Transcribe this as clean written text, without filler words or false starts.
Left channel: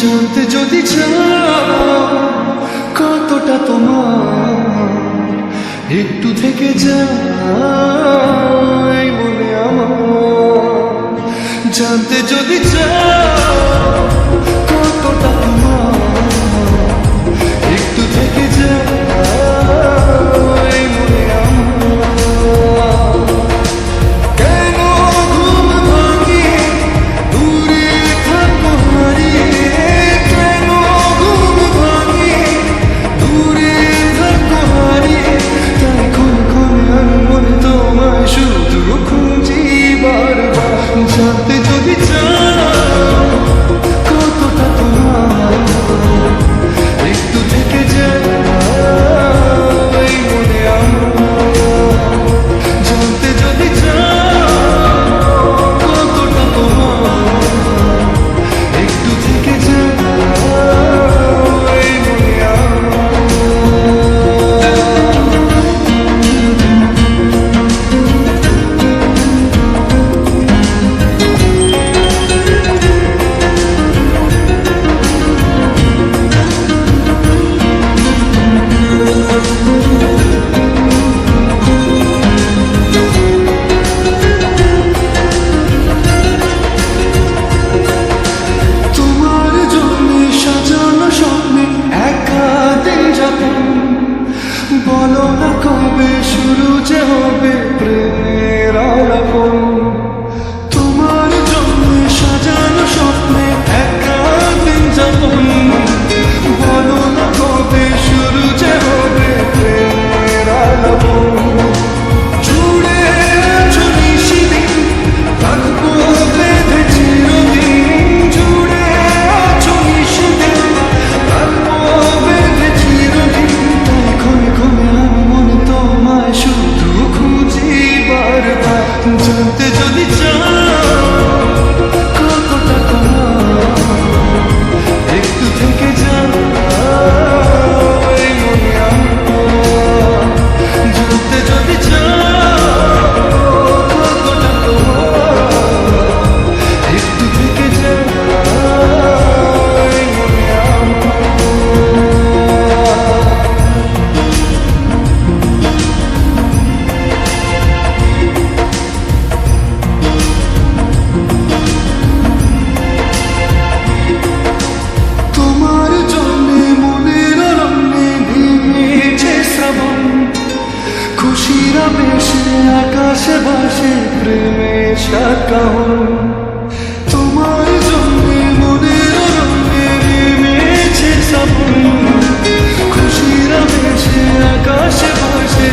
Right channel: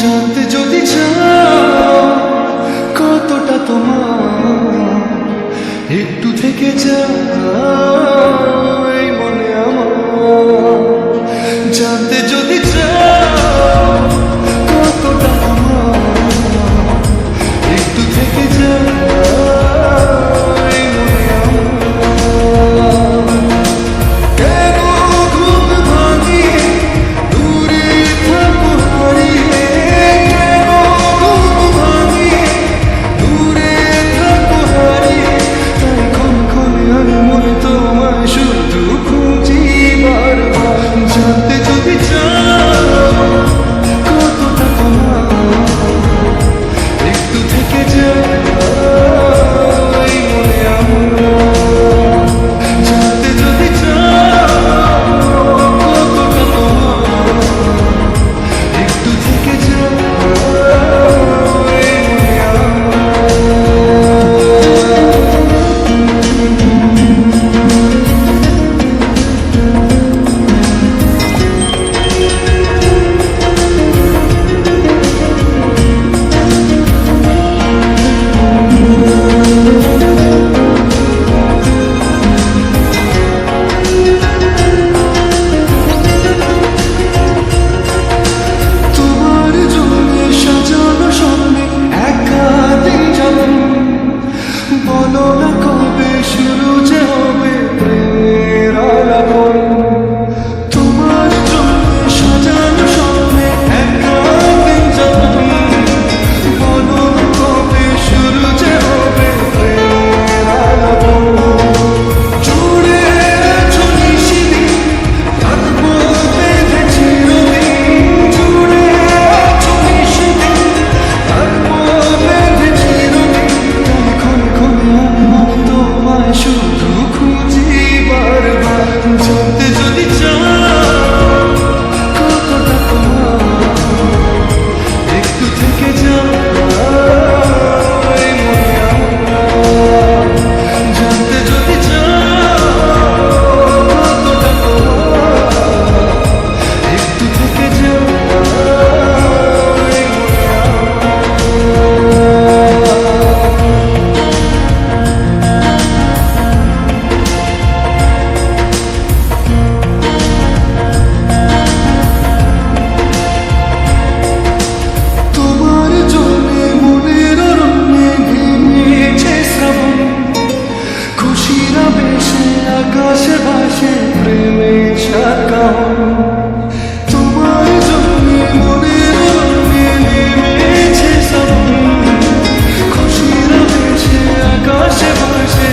জানতে যদি চাও কতটা তোমার, একটু থেকে যাও এই মনে আমার। জানতে যদি চাও কতটা তোমার, একটু থেকে যাও এই মনে আমার। কেন ঘুম ভাঙিয়ে দূরে থাকো হারিয়ে, কেন ঘুম ভাঙিয়ে দূরে থাকো হারিয়ে, তাই ক্ষণে ক্ষণে আমি মনে তোমায় শুধু খুঁজি বারবার। জানতে যদি চাও কতটা তোমার, একটু থেকে যাও এই মনে আমার। জানতে যদি চাও কতটা তোমার, একটু থেকে যাও এই মনে আমার। সাজানো স্বপ্নে একা দিন যাপন, বলো না কবে শুরু যে হবে প্রেমের আলাপন। তোমার জন্য সাজানো স্বপ্নে একা দিন যাপন, বলো না কবে শুরু যে হবে প্রেমের আলাপন। জুড়ে আছো নিশিদিন, থাকবো বেঁধে চিরদিন। জুড়ে আছো নিশিদিন, থাকবো বেঁধে চিরদিন। তাই ক্ষণে ক্ষণে আমি মনে তোমায় শুধু খুঁজি বারবার। জানতে যদি চাও কতটা তোমার, একটু থেকে যাও এই মনে আমার। জানতে যদি চাও কতটা তোমার, একটু থেকে যাও এই মনে আমার। তোমার জন্যে মনের অরণ্যে নেমেছে শ্রাবণ, খুশির আবেশে আকাশে ভাসে প্রেমের সাতকাহন। তোমার জন্যে মনের অরণ্যে নেমেছে শ্রাবণ, খুশির আবেশে আকাশে ভাসে